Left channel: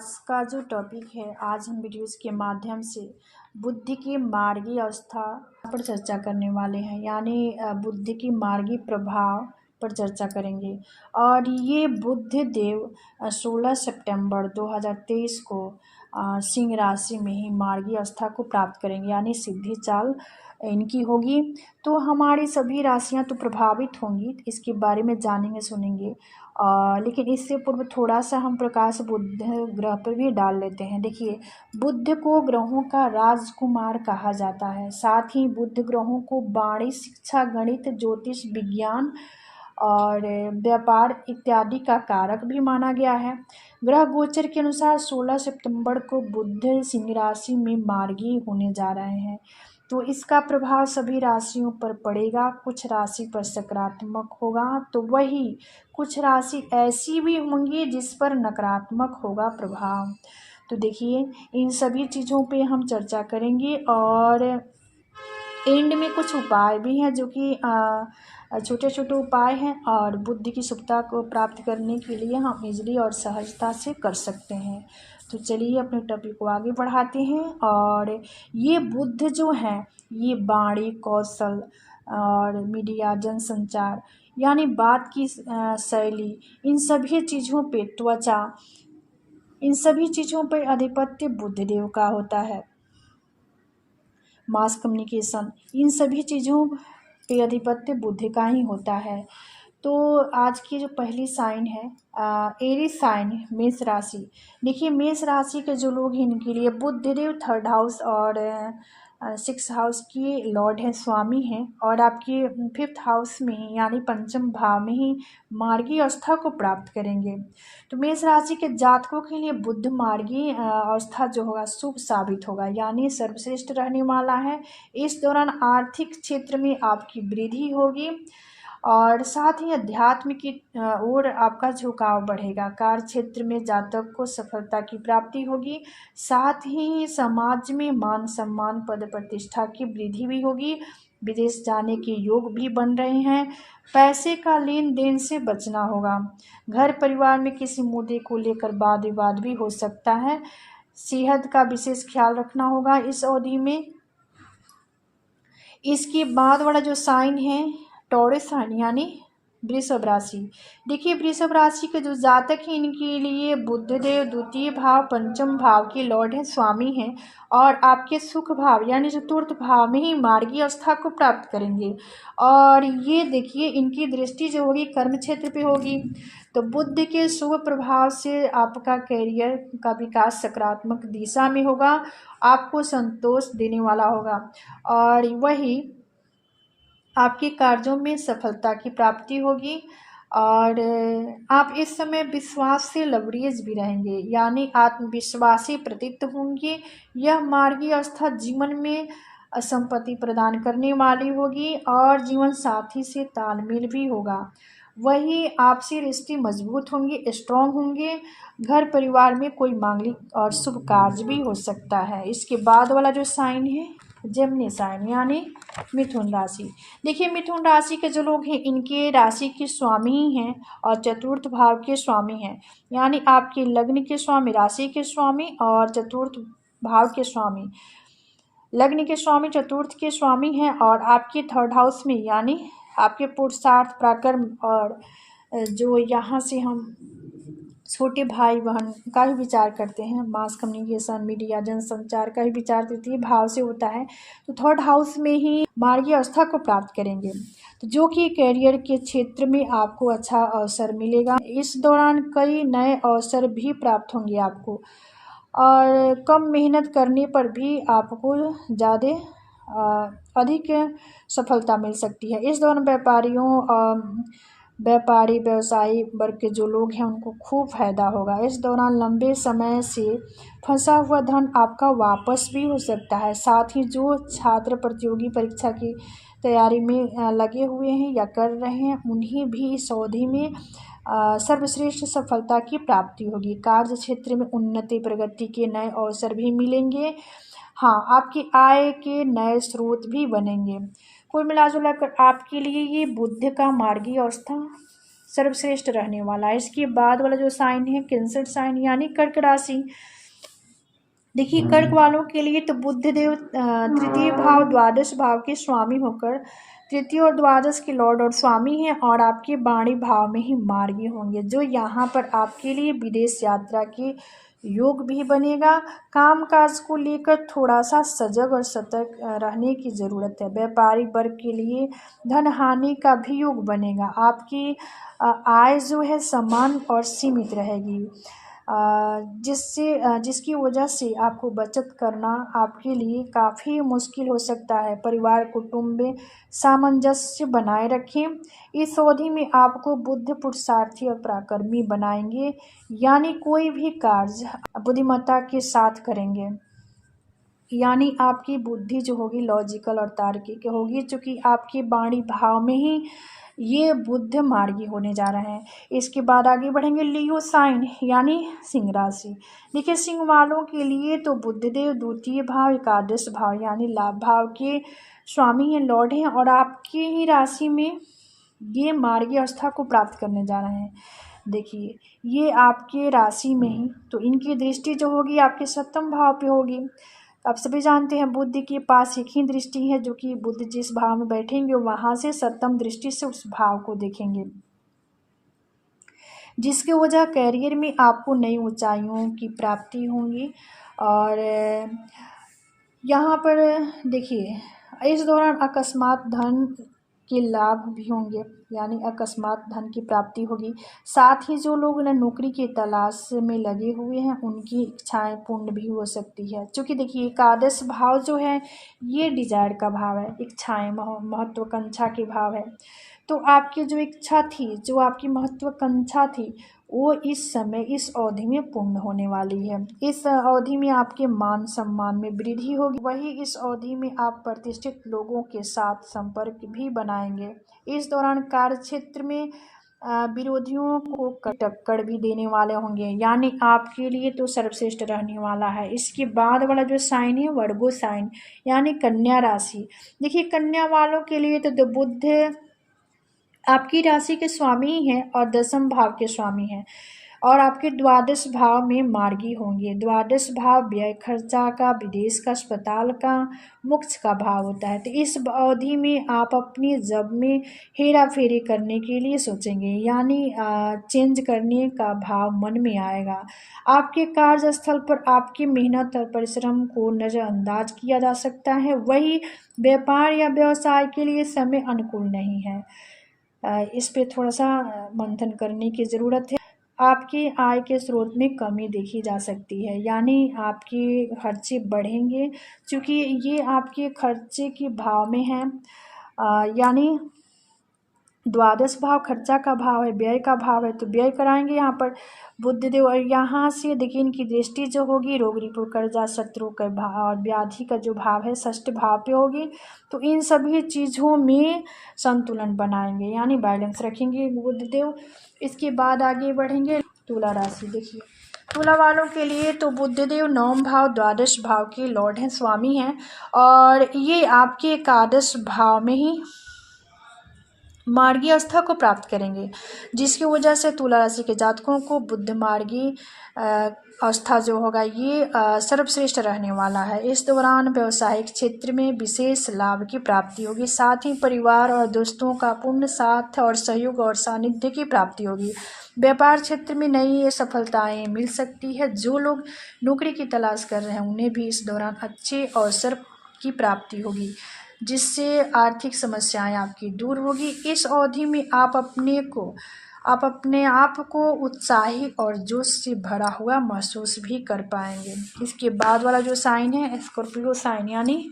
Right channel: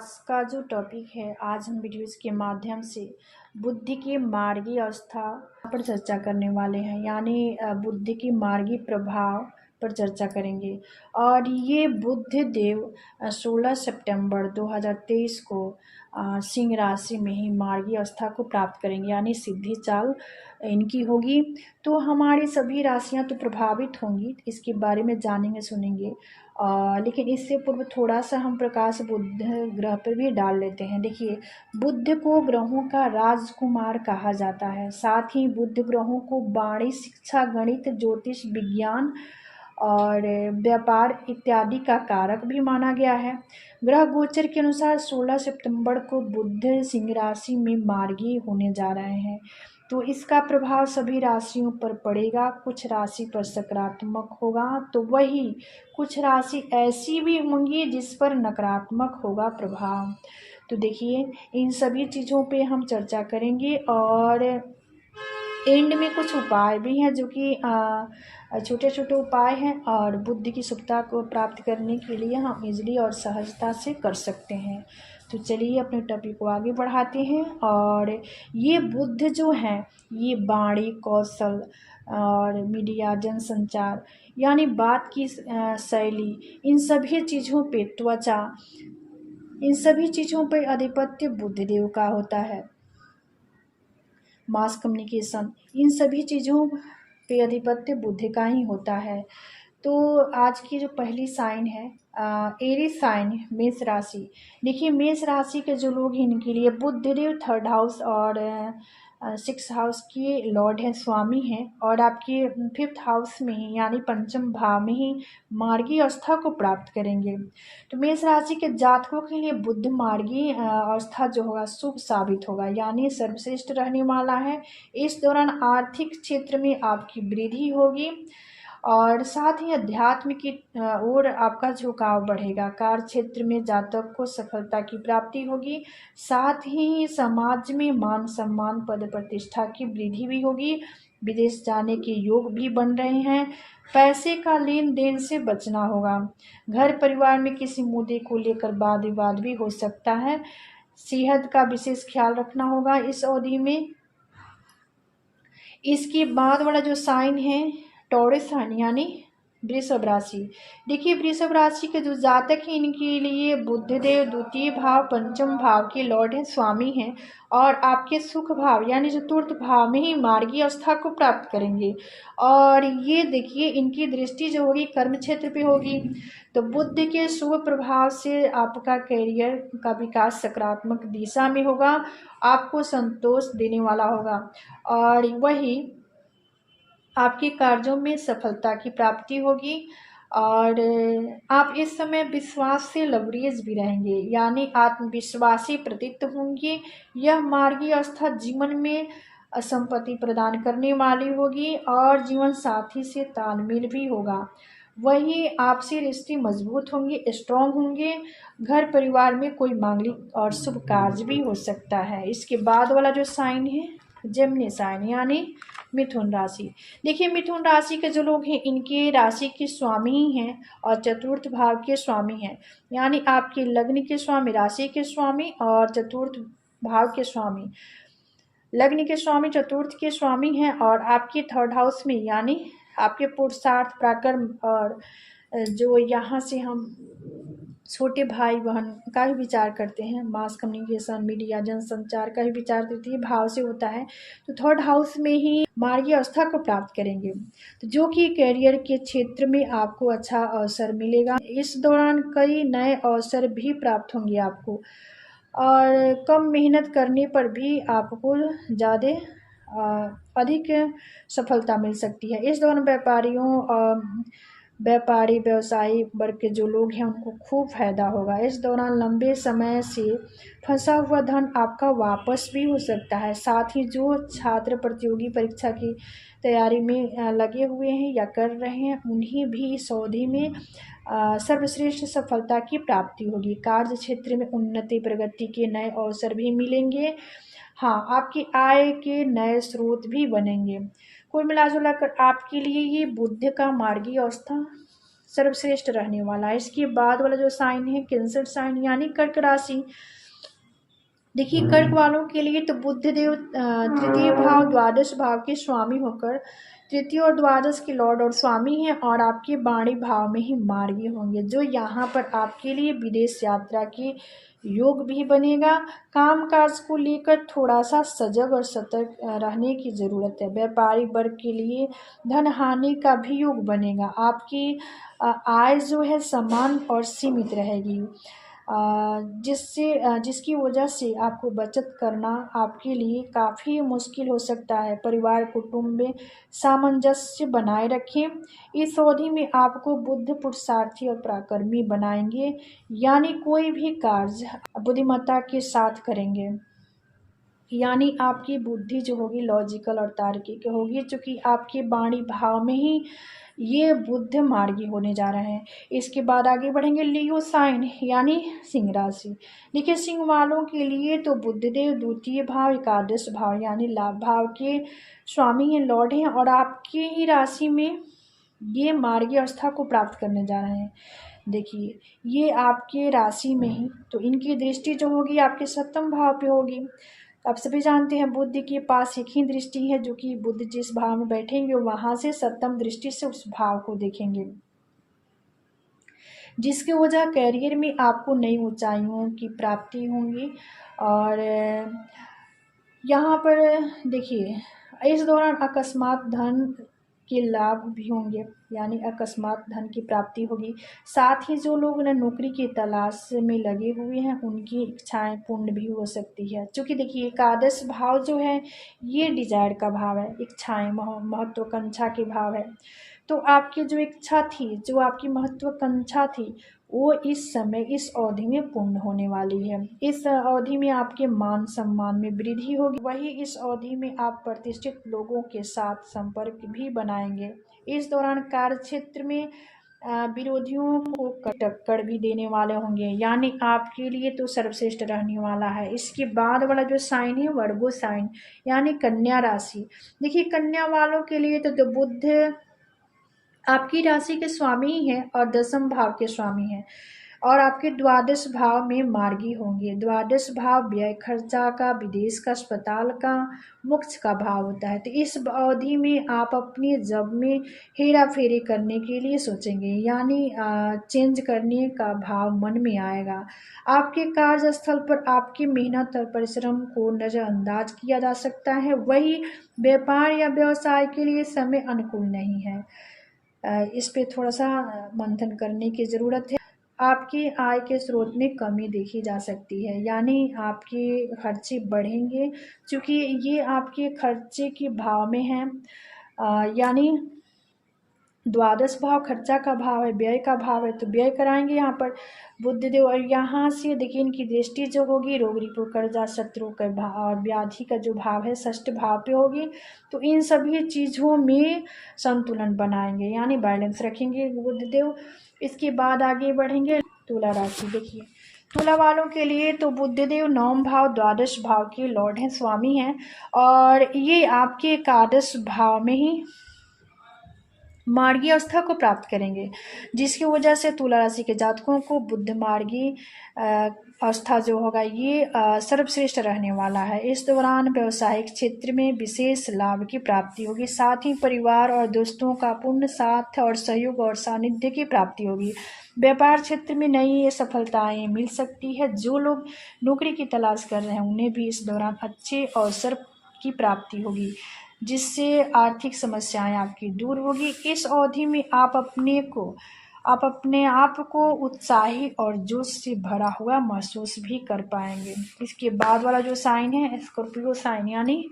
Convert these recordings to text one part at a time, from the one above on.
आज का जो टॉपिक है, आज हम वीडियोज़ के माध्यम से बुद्धि की मार्गी अवस्था पर चर्चा करने वाले हैं। यानी बुद्धि की मार्गी प्रभाव पर चर्चा करेंगे। और ये बुध देव 16 सितंबर 2023 को सिंह राशि में ही मार्गी अवस्था को प्राप्त करेंगे, यानी सिद्धि चाल इनकी होगी। तो हमारी सभी राशियां तो प्रभावित होंगी, इसके बारे में जानेंगे सुनेंगे। लेकिन इससे पूर्व थोड़ा सा हम प्रकाश बुध ग्रह पर भी डाल लेते हैं। देखिए, बुध को ग्रहों का राजकुमार कहा जाता है। साथ ही बुध ग्रहों को वाणी, शिक्षा, गणित, ज्योतिष, विज्ञान और व्यापार इत्यादि का कारक भी माना गया है। ग्रह गोचर के अनुसार 16 सितंबर को बुध सिंह राशि में मार्गी होने जा रहे हैं। तो इसका प्रभाव सभी राशियों पर पड़ेगा। कुछ राशि पर सकारात्मक होगा तो वही कुछ राशि ऐसी भी होंगी जिस पर नकारात्मक होगा प्रभाव। तो देखिए, इन सभी चीज़ों पे हम चर्चा करेंगे और एंड में कुछ उपाय भी हैं जो कि छोटे छोटे उपाय हैं और बुद्धि की शुद्धता को प्राप्त करने के लिए हम इजली और सहजता से कर सकते हैं। तो चलिए अपने टॉपिक को आगे बढ़ाते हैं। और ये बुद्ध जो हैं, ये वाणी, कौशल और मीडिया, जनसंचार, यानी बात की शैली, इन सभी चीज़ों पे, त्वचा, इन सभी चीज़ों पे आधिपत्य बुद्धदेव का होता है। मास कम्युनिकेशन, इन सभी चीज़ों पे आधिपत्य बुध का ही होता है। तो आज की जो पहली साइन है एरीज साइन, मेष राशि। देखिए, मेष राशि के जो लोग हैं इनके लिए बुधदेव 3rd हाउस और 6th हाउस के लॉर्ड हैं, स्वामी हैं, और आपके 5th हाउस में ही यानी पंचम भाव में ही मार्गी अवस्था को प्राप्त करेंगे। तो मेष राशि के जातकों के लिए बुध मार्गी अवस्था जो होगा शुभ साबित होगा, यानी सर्वश्रेष्ठ रहने वाला है। इस दौरान आर्थिक क्षेत्र में आपकी वृद्धि होगी और साथ ही अध्यात्म की ओर आपका झुकाव बढ़ेगा। कार्य क्षेत्र में जातक को सफलता की प्राप्ति होगी। साथ ही समाज में मान सम्मान, पद प्रतिष्ठा की वृद्धि भी होगी। विदेश जाने के योग भी बन रहे हैं। पैसे का लेन देन से बचना होगा। घर परिवार में किसी मुद्दे को लेकर वाद विवाद भी हो सकता है। सेहत का विशेष ख्याल रखना होगा इस अवधि में। इसके बाद वाला जो साइन है टॉरस साइन, यानी वृषभ राशि। देखिए, वृषभ राशि के जो जातक हैं इनके लिए बुधदेव 2य भाव, पंचम भाव के लॉर्ड हैं, स्वामी हैं, और आपके सुख भाव यानी 4th भाव में ही मार्गी अवस्था को प्राप्त करेंगे। और ये देखिए, इनकी दृष्टि जो होगी कर्म क्षेत्र पे होगी। तो बुध के शुभ प्रभाव से आपका करियर का विकास सकारात्मक दिशा में होगा, आपको संतोष देने वाला होगा और वही आपके कार्यों में सफलता की प्राप्ति होगी। और आप इस समय विश्वास से लबरेज भी रहेंगे, यानी आत्मविश्वासी प्रतीत होंगे। यह मार्गी अवस्था जीवन में संपत्ति प्रदान करने वाली होगी और जीवन साथी से तालमेल भी होगा। वही आपसी रिश्ते मजबूत होंगे, स्ट्रॉन्ग होंगे। घर परिवार में कोई मांगलिक और शुभ कार्य भी हो सकता है। इसके बाद वाला जो साइन है जेमिनी साइन, यानी मिथुन राशि। देखिए, मिथुन राशि के जो लोग हैं इनके राशि के स्वामी ही हैं और 4th भाव के स्वामी हैं, यानी आपके लग्न के स्वामी, राशि के स्वामी और 4th भाव के स्वामी। लग्न के स्वामी 4th के स्वामी हैं और आपके 3rd हाउस में, यानी आपके पुरुषार्थ, पराक्रम और जो यहाँ से हम छोटे भाई बहन का भी विचार करते हैं, मास कम्युनिकेशन, मीडिया, जनसंचार का भी विचार तृतीय भाव से होता है। तो 3rd हाउस में ही मार्गी अवस्था को प्राप्त करेंगे, तो जो कि करियर के क्षेत्र में आपको अच्छा अवसर मिलेगा। इस दौरान कई नए अवसर भी प्राप्त होंगे आपको और कम मेहनत करने पर भी आपको ज़्यादा अधिक सफलता मिल सकती है। इस दौरान व्यापारी व्यवसायी वर्ग के जो लोग हैं उनको खूब फायदा होगा। इस दौरान लंबे समय से फंसा हुआ धन आपका वापस भी हो सकता है। साथ ही जो छात्र प्रतियोगी परीक्षा की तैयारी में लगे हुए हैं या कर रहे हैं उन्हें भी इस अवधि में सर्वश्रेष्ठ सफलता की प्राप्ति होगी। कार्य क्षेत्र में उन्नति, प्रगति के नए अवसर भी मिलेंगे। हाँ, आपकी आय के नए स्रोत भी बनेंगे। कुल मिलाजुला कर आपके लिए ये बुध का मार्गी अवस्था सर्वश्रेष्ठ रहने वाला है। इसके बाद वाला जो साइन है कैंसर साइन यानी कर्क राशि। देखिए कर्क वालों के लिए तो बुध देव तृतीय भाव द्वादश भाव के स्वामी होकर तृतीय और द्वादश के लॉर्ड और स्वामी हैं और आपके वाणी भाव में ही मार्गी होंगे, जो यहाँ पर आपके लिए विदेश यात्रा के योग भी बनेगा। काम काज को लेकर थोड़ा सा सजग और सतर्क रहने की ज़रूरत है। व्यापारिक वर्ग के लिए धन हानि का भी योग बनेगा। आपकी आय जो है समान और सीमित रहेगी, जिसकी वजह से आपको बचत करना आपके लिए काफ़ी मुश्किल हो सकता है। परिवार कुटुंब में सामंजस्य बनाए रखें। इस अवधि में आपको बुद्ध पुरुषार्थी और पराक्रमी बनाएंगे, यानी कोई भी कार्य बुद्धिमत्ता के साथ करेंगे, यानी आपकी बुद्धि जो होगी लॉजिकल और तार्किक होगी, क्योंकि आपके वाणी भाव में ही ये बुद्ध मार्गी होने जा रहे हैं। इसके बाद आगे बढ़ेंगे लियो साइन यानी सिंह राशि। देखिए सिंह वालों के लिए तो बुद्धदेव द्वितीय भाव एकादश भाव यानी लाभ भाव के स्वामी हैं, लॉर्ड हैं, और आपकी ही राशि में ये मार्गी अवस्था को प्राप्त करने जा रहे हैं। देखिए ये आपके राशि में ही, तो इनकी दृष्टि जो होगी आपके सप्तम भाव पे होगी। आप सभी जानते हैं बुद्ध के पास एक ही दृष्टि है, जो कि बुद्ध जिस भाव में बैठेंगे वहां से सप्तम दृष्टि से उस भाव को देखेंगे, जिसकी वजह कैरियर में आपको नई ऊंचाइयों की प्राप्ति होंगी। और यहाँ पर देखिए इस दौरान अकस्मात धन के लाभ भी होंगे, यानी अकस्मात धन की प्राप्ति होगी। साथ ही जो लोग नौकरी की तलाश में लगे हुए हैं उनकी इच्छाएं पूर्ण भी हो सकती है, क्योंकि देखिए एकादश भाव जो है ये डिजायर का भाव है, इच्छाएं महत्वाकांक्षा के भाव है। तो आपकी जो इच्छा थी, जो आपकी महत्वाकांक्षा थी, वो इस समय इस अवधि में पूर्ण होने वाली है। इस अवधि में आपके मान सम्मान में वृद्धि होगी। वही इस अवधि में आप प्रतिष्ठित लोगों के साथ संपर्क भी बनाएंगे। इस दौरान कार्य क्षेत्र में विरोधियों को टक्कर भी देने वाले होंगे, यानी आपके लिए तो सर्वश्रेष्ठ रहने वाला है। इसके बाद वाला जो साइन है वर्गो साइन यानी कन्या राशि। देखिए कन्या वालों के लिए तो बुध आपकी राशि के स्वामी ही हैं और दसम भाव के स्वामी हैं, और आपके द्वादश भाव में मार्गी होंगे। द्वादश भाव व्यय खर्चा का, विदेश का, अस्पताल का, मोक्ष का भाव होता है। तो इस अवधि में आप अपनी जब में हेरा फेरी करने के लिए सोचेंगे, यानी चेंज करने का भाव मन में आएगा। आपके कार्यस्थल पर आपकी मेहनत और परिश्रम को नज़रअंदाज किया जा सकता है। वही व्यापार या व्यवसाय के लिए समय अनुकूल नहीं है, इस पे थोड़ा सा मंथन करने की ज़रूरत है। आपकी आय के स्रोत में कमी देखी जा सकती है, यानी आपके खर्चे बढ़ेंगे, क्योंकि ये आपके खर्चे के भाव में है, यानी द्वादश भाव खर्चा का भाव है, व्यय का भाव है, तो व्यय कराएंगे यहाँ पर बुद्धदेव। और यहाँ से देखिए इनकी दृष्टि जो होगी रोग रिपु कर्जा शत्रु का भाव और व्याधि का जो भाव है षष्ठ भाव पे होगी। तो इन सभी चीज़ों में संतुलन बनाएंगे, यानी बैलेंस रखेंगे बुद्धदेव। इसके बाद आगे बढ़ेंगे तुला राशि। देखिए तुला वालों के लिए तो बुद्धदेव नवम भाव द्वादश भाव के लॉर्ड हैं, स्वामी हैं, और ये आपके एकादश भाव में ही मार्गी अवस्था को प्राप्त करेंगे, जिसकी वजह से तुला राशि के जातकों को बुद्ध मार्गी अवस्था जो होगा ये सर्वश्रेष्ठ रहने वाला है। इस दौरान व्यवसायिक क्षेत्र में विशेष लाभ की प्राप्ति होगी। साथ ही परिवार और दोस्तों का पूर्ण साथ और सहयोग और सानिध्य की प्राप्ति होगी। व्यापार क्षेत्र में नई सफलताएं मिल सकती है। जो लोग नौकरी की तलाश कर रहे हैं उन्हें भी इस दौरान अच्छे अवसर की प्राप्ति होगी, जिससे आर्थिक समस्याएं आपकी दूर होगी। इस अवधि में आप अपने आप को उत्साही और जोश से भरा हुआ महसूस भी कर पाएंगे। इसके बाद वाला जो साइन है स्कॉर्पियो साइन यानी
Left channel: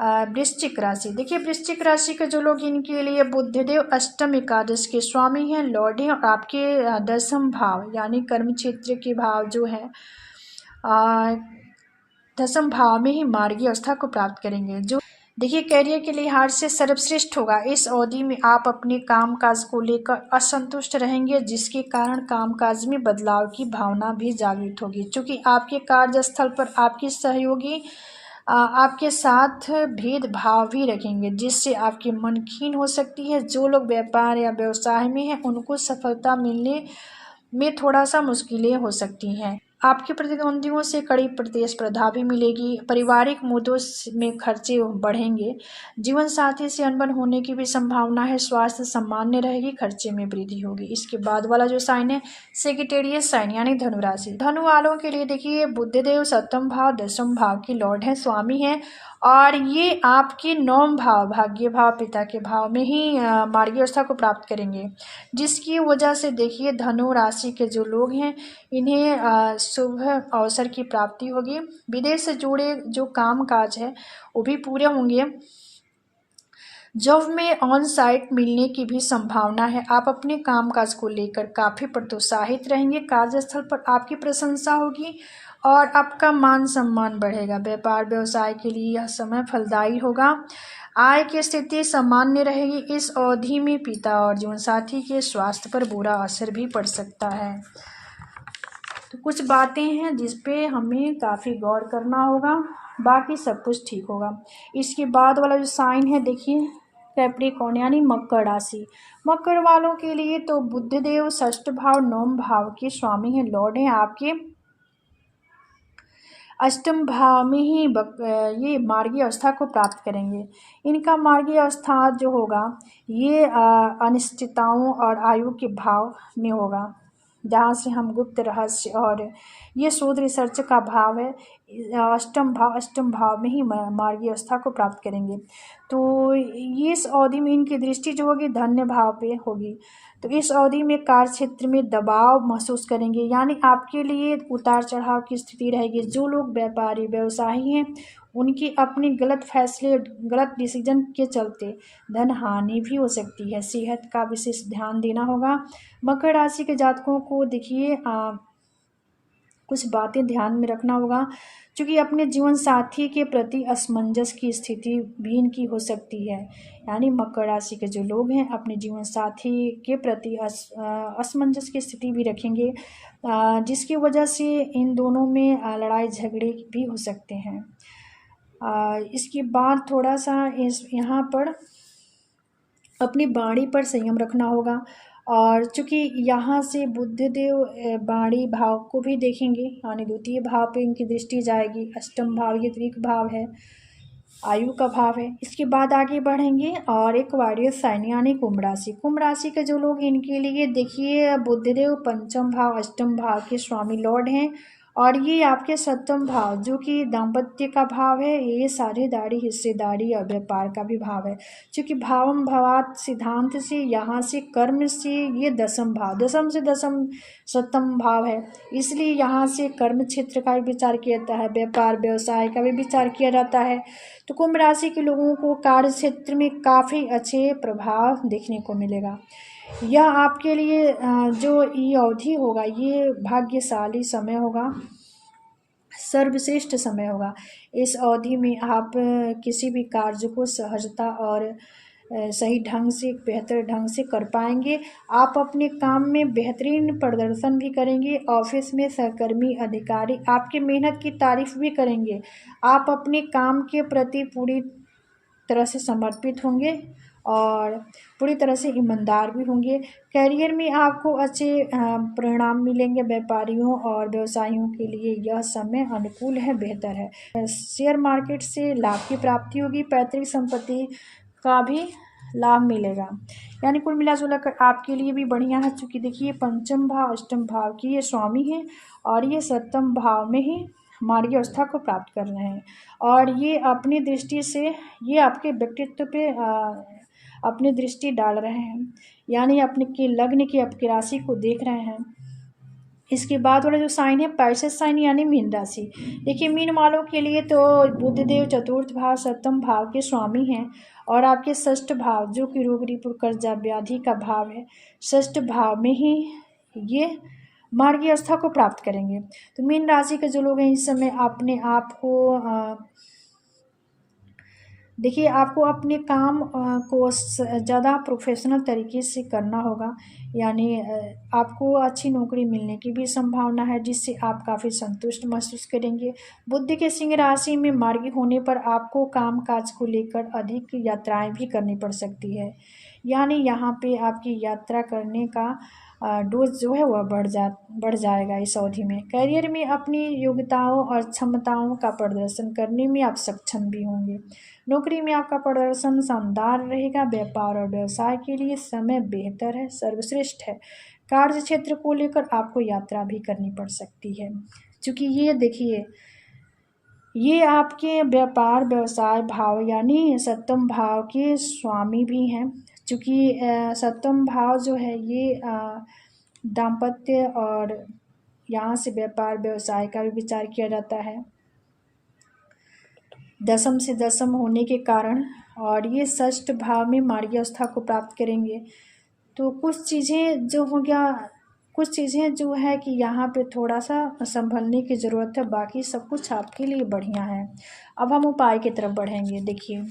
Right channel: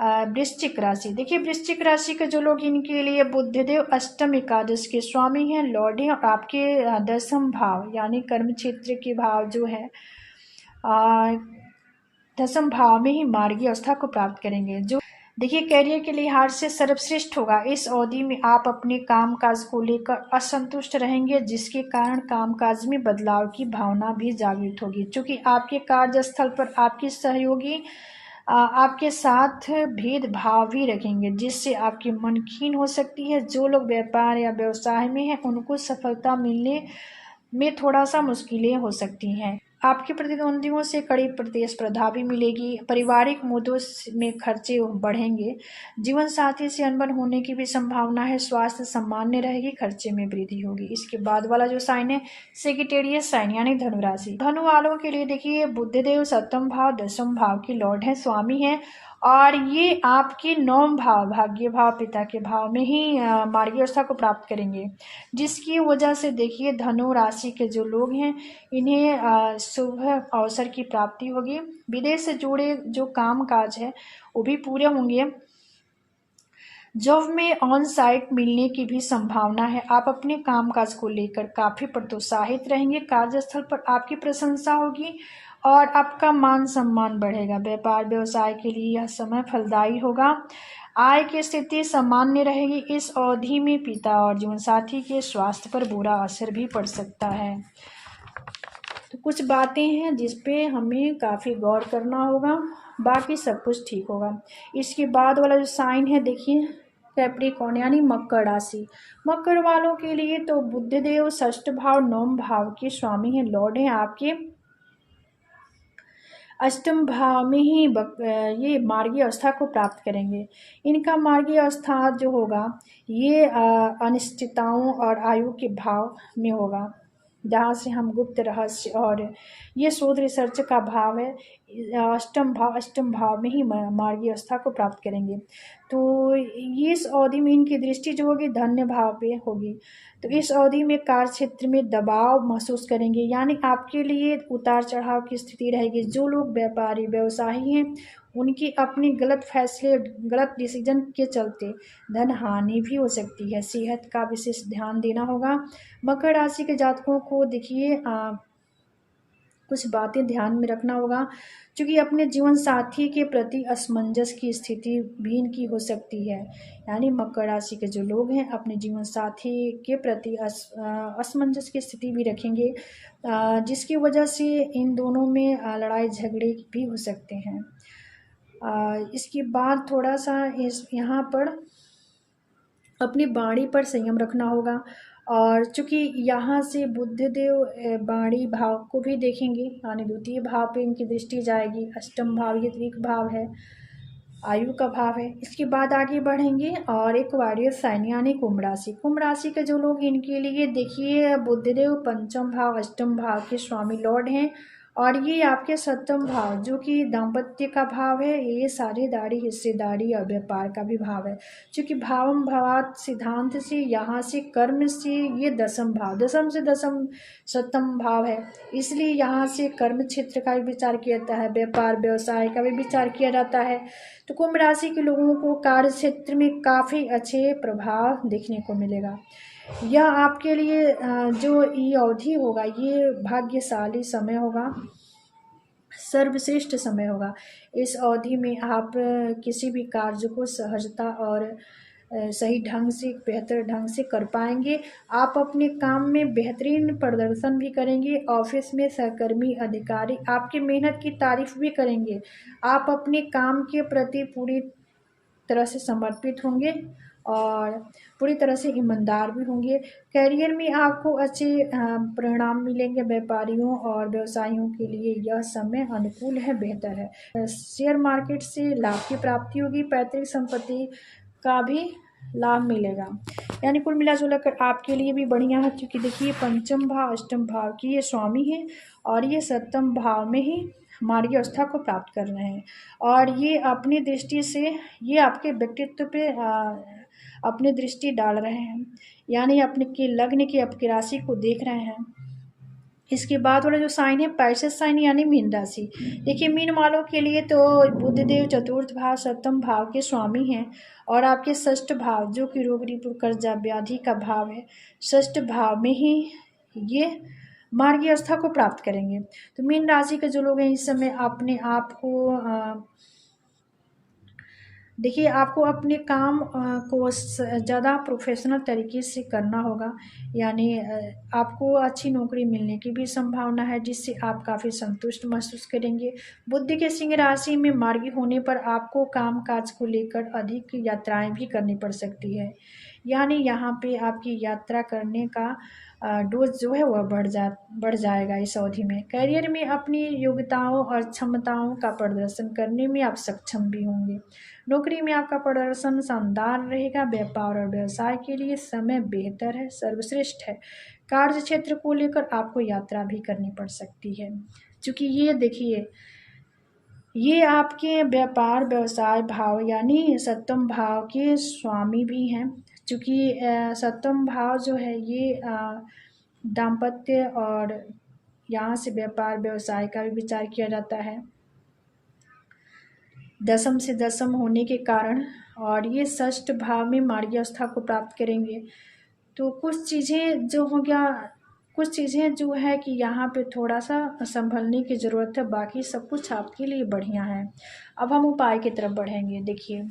वृश्चिक राशि। देखिए वृश्चिक राशि के जो लोग, इनके लिए बुद्धदेव अष्टम एकादश के स्वामी हैं, लॉर्ड हैं, और आपके दसम भाव यानी कर्म क्षेत्र के भाव जो है दसम भाव में ही मार्गी अवस्था को प्राप्त करेंगे, जो देखिए कैरियर के लिहाज से सर्वश्रेष्ठ होगा। इस अवधि में आप अपने कामकाज को लेकर असंतुष्ट रहेंगे, जिसके कारण कामकाज में बदलाव की भावना भी जागृत होगी, क्योंकि आपके कार्यस्थल पर आपके सहयोगी आपके साथ भेदभाव भी रखेंगे, जिससे आपकी मन खीन हो सकती है। जो लोग व्यापार या व्यवसाय में हैं उनको सफलता मिलने में थोड़ा सा मुश्किलें हो सकती हैं। आपके प्रतिद्वंदियों से कड़ी प्रतिस्पर्धा भी मिलेगी। पारिवारिक मुद्दों में खर्चे बढ़ेंगे। जीवन साथी से अनबन होने की भी संभावना है। स्वास्थ्य सामान्य रहेगी, खर्चे में वृद्धि होगी। इसके बाद वाला जो साइन है सेगिटेरियस साइन यानी धनु राशि। धनु वालों के लिए देखिए बुधदेव सप्तम भाव दसम भाव के लॉर्ड है, स्वामी है, और ये आपके नौम भाव भाग्य भाव पिता के भाव में ही मार्गी अवस्था को प्राप्त करेंगे, जिसकी वजह से देखिए धनु राशि के जो लोग हैं इन्हें शुभ अवसर की प्राप्ति होगी। विदेश से जुड़े जो काम काज है वो भी पूरे होंगे। जॉब में ऑन साइट मिलने की भी संभावना है। आप अपने कामकाज को लेकर काफ़ी प्रोत्साहित रहेंगे। कार्यस्थल पर आपकी प्रशंसा होगी और आपका मान सम्मान बढ़ेगा। व्यापार व्यवसाय के लिए यह समय फलदायी होगा। आय की स्थिति सामान्य रहेगी। इस अवधि में पिता और जीवनसाथी के स्वास्थ्य पर बुरा असर भी पड़ सकता है। तो कुछ बातें हैं जिस पे हमें काफ़ी गौर करना होगा, बाकी सब कुछ ठीक होगा। इसके बाद वाला जो साइन है देखिए कैप्रिकॉर्न यानी मकर राशि। मकर वालों के लिए तो बुधदेव षष्ठ भाव नवम भाव के स्वामी हैं, लॉर्ड हैं, आपके अष्टम भाव में ही ये मार्गीय अवस्था को प्राप्त करेंगे। इनका मार्गीय अवस्था जो होगा ये अनिश्चितताओं और आयु के भाव में होगा, जहाँ से हम गुप्त रहस्य और ये शोध रिसर्च का भाव है। अष्टम भाव में ही मार्गीय अवस्था को प्राप्त करेंगे। तो ये इस अवधि में इनकी दृष्टि जो होगी धन्य भाव पे होगी। तो इस अवधि में कार्य क्षेत्र में दबाव महसूस करेंगे, यानी आपके लिए उतार चढ़ाव की स्थिति रहेगी। जो लोग व्यापारी व्यवसायी हैं उनकी अपनी गलत फैसले गलत डिसीजन के चलते धन हानि भी हो सकती है। सेहत का विशेष ध्यान देना होगा। मकर राशि के जातकों को देखिए कुछ बातें ध्यान में रखना होगा, क्योंकि अपने जीवन साथी के प्रति असमंजस की स्थिति भी इनकी हो सकती है। यानी मकर राशि के जो लोग हैं अपने जीवन साथी के प्रति असमंजस की स्थिति भी रखेंगे, जिसकी वजह से इन दोनों में लड़ाई झगड़े भी हो सकते हैं। इसके बाद थोड़ा सा यहाँ पर अपनी वाणी पर संयम रखना होगा। और चूँकि यहाँ से बुधदेव वाणी भाव को भी देखेंगे, यानी द्वितीय भाव पे इनकी दृष्टि जाएगी। अष्टम भाव ये त्रिक भाव है, आयु का भाव है। इसके बाद आगे बढ़ेंगे और एक वारियर साइन यानी कुंभ राशि। कुंभ राशि के जो लोग इनके लिए देखिए बुधदेव पंचम भाव अष्टम भाव के स्वामी लॉर्ड हैं, और ये आपके सप्तम भाव जो कि दाम्पत्य का भाव है, ये साझेदारी हिस्सेदारी और व्यापार का भी भाव है। क्योंकि भावम भावात सिद्धांत से यहाँ से कर्म से ये दसम भाव, दसम से दसम सप्तम भाव है, इसलिए यहाँ से कर्म क्षेत्र का भी विचार किया जाता है, व्यापार व्यवसाय का भी विचार किया जाता है। तो कुंभ राशि के लोगों को कार्य क्षेत्र में काफ़ी अच्छे प्रभाव देखने को मिलेगा। यह आपके लिए जो ये अवधि होगा ये भाग्यशाली समय होगा, सर्वश्रेष्ठ समय होगा। इस अवधि में आप किसी भी कार्य को सहजता और सही ढंग से बेहतर ढंग से कर पाएंगे। आप अपने काम में बेहतरीन प्रदर्शन भी करेंगे। ऑफिस में सहकर्मी अधिकारी आपकी मेहनत की तारीफ भी करेंगे। आप अपने काम के प्रति पूरी तरह से समर्पित होंगे और पूरी तरह से ईमानदार भी होंगे। करियर में आपको अच्छे परिणाम मिलेंगे। व्यापारियों और व्यवसायियों के लिए यह समय अनुकूल है, बेहतर है। शेयर मार्केट से लाभ की प्राप्ति होगी। पैतृक संपत्ति का भी लाभ मिलेगा। यानी कुल मिलाजुला कर आपके लिए भी बढ़िया है, क्योंकि देखिए पंचम भाव अष्टम भाव की ये स्वामी हैं और ये सप्तम भाव में ही मार्गी अवस्था को प्राप्त कर रहे हैं, और ये अपनी दृष्टि से ये आपके व्यक्तित्व पे अपनी दृष्टि डाल रहे हैं, यानी अपने के लग्न की आपकी राशि को देख रहे हैं। इसके बाद वाला जो साइन है पाइसेस साइन यानी मीन राशि। देखिए मीन वालों के लिए तो बुधदेव चतुर्थ भाव सप्तम भाव के स्वामी हैं, और आपके षष्ठ भाव जो कि रोग रिपु कर्जा व्याधि का भाव है, षष्ठ भाव में ही ये मार्गी अवस्था को प्राप्त करेंगे। तो मीन राशि के जो लोग हैं इस समय अपने आप को देखिए आपको अपने काम को ज़्यादा प्रोफेशनल तरीके से करना होगा, यानी आपको अच्छी नौकरी मिलने की भी संभावना है, जिससे आप काफ़ी संतुष्ट महसूस करेंगे। बुध के सिंह राशि में मार्गी होने पर आपको काम काज को लेकर अधिक यात्राएं भी करनी पड़ सकती है, यानी यहाँ पे आपकी यात्रा करने का डोज जो है वह बढ़ जाएगा इस अवधि में। करियर में अपनी योग्यताओं और क्षमताओं का प्रदर्शन करने में आप सक्षम भी होंगे। नौकरी में आपका प्रदर्शन शानदार रहेगा। व्यापार और व्यवसाय के लिए समय बेहतर है, सर्वश्रेष्ठ है। कार्य क्षेत्र को लेकर आपको यात्रा भी करनी पड़ सकती है, क्योंकि ये देखिए ये आपके व्यापार व्यवसाय भाव यानी सप्तम भाव के स्वामी भी हैं, क्योंकि सप्तम भाव जो है ये दाम्पत्य और यहाँ से व्यापार व्यवसाय का भी विचार किया जाता है। दशम से दशम होने के कारण और ये षष्ठ भाव में मार्गी अवस्था को प्राप्त करेंगे। तो कुछ चीज़ें जो हो गया, कुछ चीज़ें जो है कि यहाँ पे थोड़ा सा संभलने की ज़रूरत है, बाकी सब कुछ आपके लिए बढ़िया है। अब हम उपाय की तरफ बढ़ेंगे। देखिए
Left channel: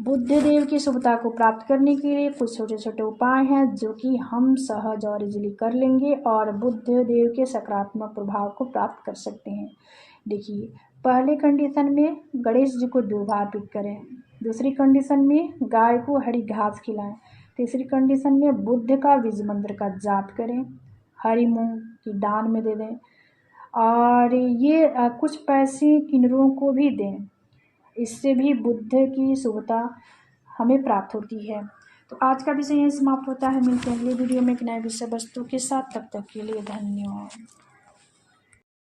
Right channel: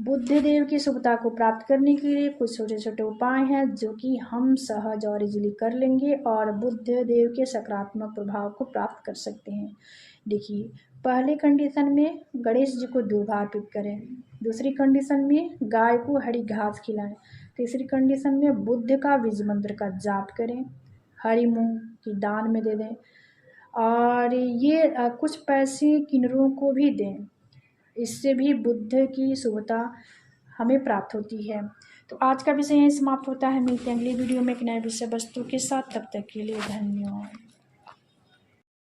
बुध देव की शुभता को प्राप्त करने के लिए कुछ छोटे छोटे उपाय हैं जो कि हम सहज और इजीली कर लेंगे और बुध देव के सकारात्मक प्रभाव को प्राप्त कर सकते हैं। देखिए पहले कंडीशन में गणेश जी को 2 बार अर्पित करें। दूसरी कंडीशन में गाय को हरी घास खिलाएं। तीसरी कंडीशन में बुध का बीज मंत्र का जाप करें। हरी मूंग की दान में दे दें और ये कुछ पैसे किन्नरों को भी दें। इससे भी बुध की शुभता हमें प्राप्त होती है। तो आज का विषय यहीं समाप्त होता है। मिलते हैं अगली वीडियो में एक नए विषय वस्तु के साथ। तब तक के लिए धन्यवाद।